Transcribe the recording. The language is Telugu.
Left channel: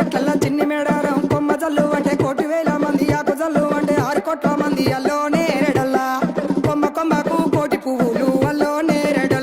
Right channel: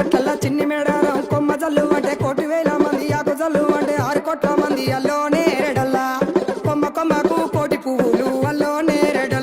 గట్లల్లా చిన్ని మేడారం కొమ్మ జల్లు అంటే 1,000,000 మంది ఆకు జల్లు అంటే 6 కోట్ల మంది అల్లో నేరేడల్లా కొమ్మ కొమ్మకు 1,000,000 పువ్వులు అల్లో నేరేడల్లా